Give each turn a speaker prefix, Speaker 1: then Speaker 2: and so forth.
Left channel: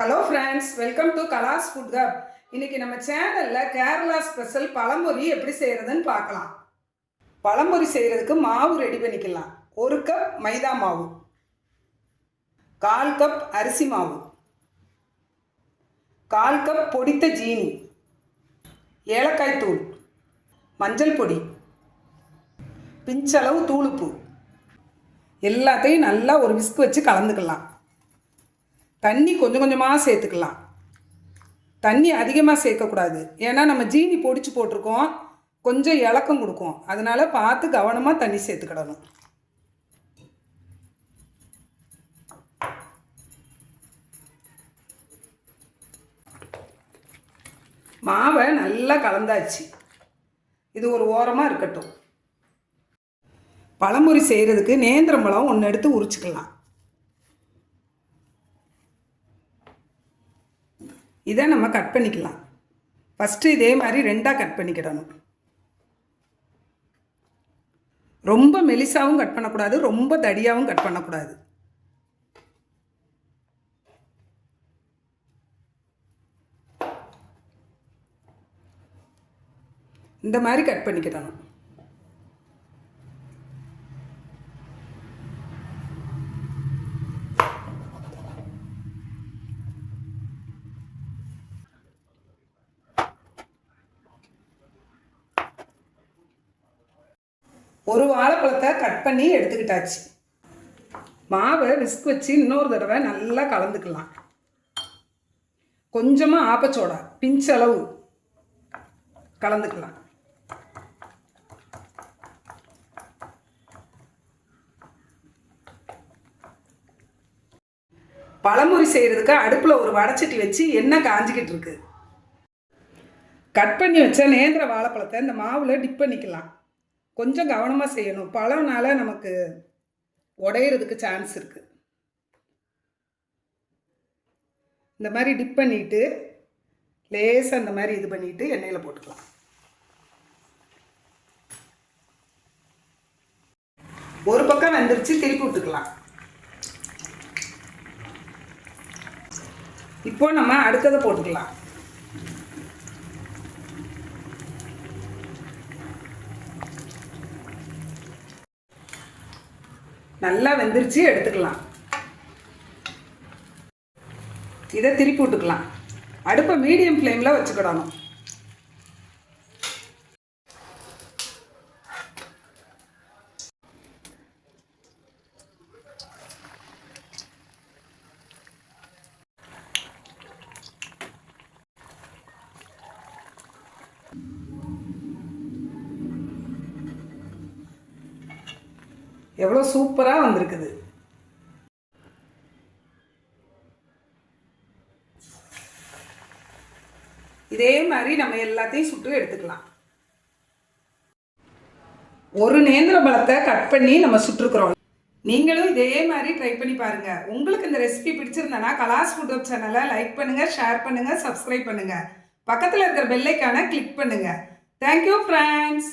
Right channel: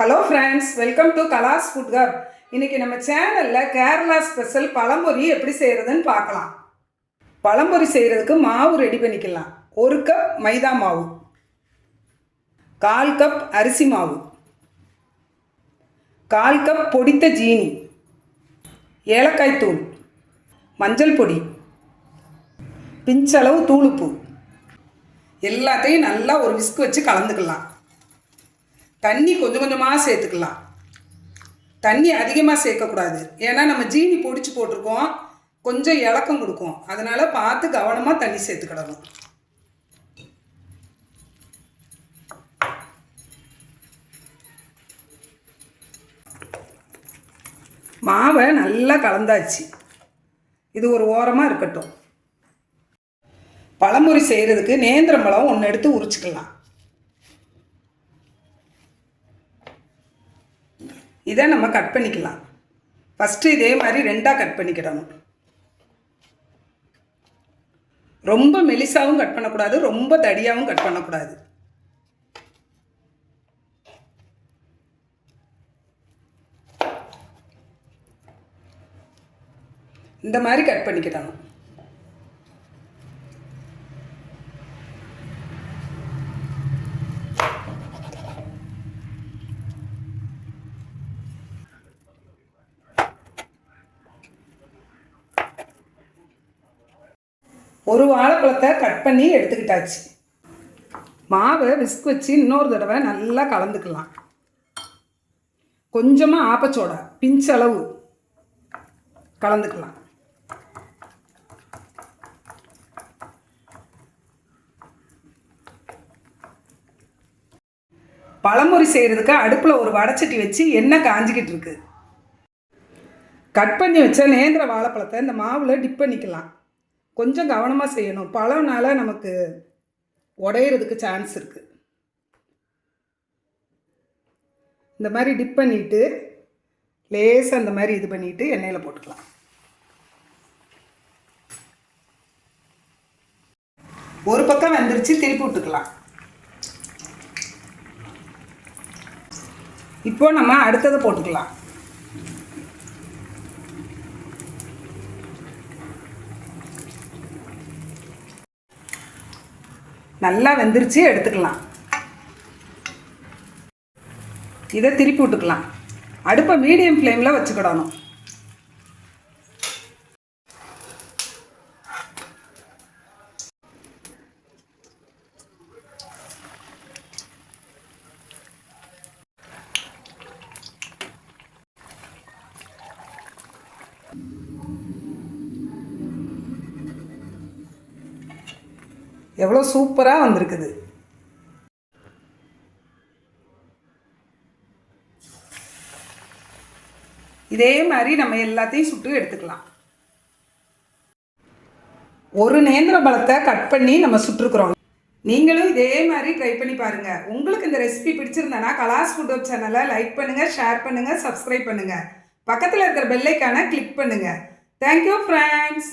Speaker 1: Hello friends welcome to Kalas food hub இன்னைக்கு நம்ம சேனலில் கேரளா ஸ்பெஷல் பழம்பொரி எப்படி செய்கிறதுன்னு பார்க்கலாம். பழம்பொரி செய்கிறதுக்கு மாவு ரெடி பண்ணிக்கலாம். ஒரு கப் மைதா மாவு. கால் கப் அரிசி மாவு. கால் கப் பொடித்த ஜீனி. ஏலக்காய் தூள். மஞ்சள் பொடி. பிஞ்சளவு தூளுப்பு. எல்லாத்தையும் நல்லா ஒரு விஸ்க் வச்சு கலந்துக்கலாம். தண்ணி கொஞ்சம் கொஞ்சமாக சேர்த்துக்கலாம். தண்ணி அதிகமாக சேர்க்கக்கூடாது ஏன்னா நம்ம ஜீனி பொடிச்சு போட்டிருக்கோம். கொஞ்சம் இலக்கம் கொடுக்கும். அதனால் பார்த்து கவனமாக தண்ணி சேர்த்துக்கிடணும். மாவை நல்லா கலந்தாச்சு. இது ஒரு ஓரமாக இருக்கட்டும். பழமுறை செய்கிறதுக்கு நேந்திரம் பழம் ஒன்று எடுத்து உரிச்சுக்கலாம். இதை நம்ம கட் பண்ணிக்கலாம். ஃபஸ்ட்டு இதே மாதிரி ரெண்டாக கட் பண்ணிக்கிடணும். ரொம்ப மெலிசாவும் கட் பண்ணக்கூடாது ரொம்ப தடியாகவும் கட் பண்ணக்கூடாது. இந்த மாதிரி கட் பண்ணிக்கிடணும். ஒரு வாழைப்பழத்தை கட் பண்ணி எடுத்துக்கிட்டாச்சு. மாவை விஸ்க் வச்சு இன்னொரு தடவை நல்லா கலந்துக்கலாம். கொஞ்சமாக ஆப்பச்சோடா பிஞ்சளவு கலந்துக்கலாம். பழமுறி செய்கிறதுக்கு அடுப்பில் ஒரு வடைச்சட்டி வச்சு எண்ணெய் காஞ்சிக்கிட்டு இருக்கு. கட் பண்ணி வச்ச நேந்திர வாழைப்பழத்தை இந்த மாவில் டிப் பண்ணிக்கலாம். கொஞ்சம் கவனமாக செய்யணும். பழம்னால நமக்கு உடையிறதுக்கு சான்ஸ் இருக்குது இந்த மாதிரி டிப் பண்ணிவிட்டு லேசாக அந்த மாதிரி இது பண்ணிவிட்டு எண்ணெயில் போட்டுக்கலாம். ஒரு பக்கம் வெந்துருச்சு திருப்பி விட்டுக்கலாம். இப்போ நம்ம அடுத்ததை போட்டுக்கலாம். நல்லா வெந்துருச்சு எடுத்துக்கலாம். இதை திருப்பி விட்டுக்கலாம். அடுப்பை மீடியம் ஃப்ளேமில் வச்சுக்கிடணும். எவ்வளோ சூப்பராக வந்திருக்குது. இதே மாதிரி நம்ம எல்லாத்தையும் சுட்டு எடுத்துக்கலாம். ஒரு நேந்திர பழத்தை கட் பண்ணி நம்ம சுட்டுருக்குறோம். நீங்களும் இதே மாதிரி ட்ரை பண்ணி பாருங்க. உங்களுக்கு இந்த ரெசிபி பிடிச்சிருந்தேன்னா கலாஸ் ஃபுட் ஹப் சேனலை லைக் பண்ணுங்க ஷேர் பண்ணுங்க சப்ஸ்கிரைப் பண்ணுங்க. பக்கத்தில் இருக்கிற பெல்லைக்கான கிளிக் பண்ணுங்க. Thank you friends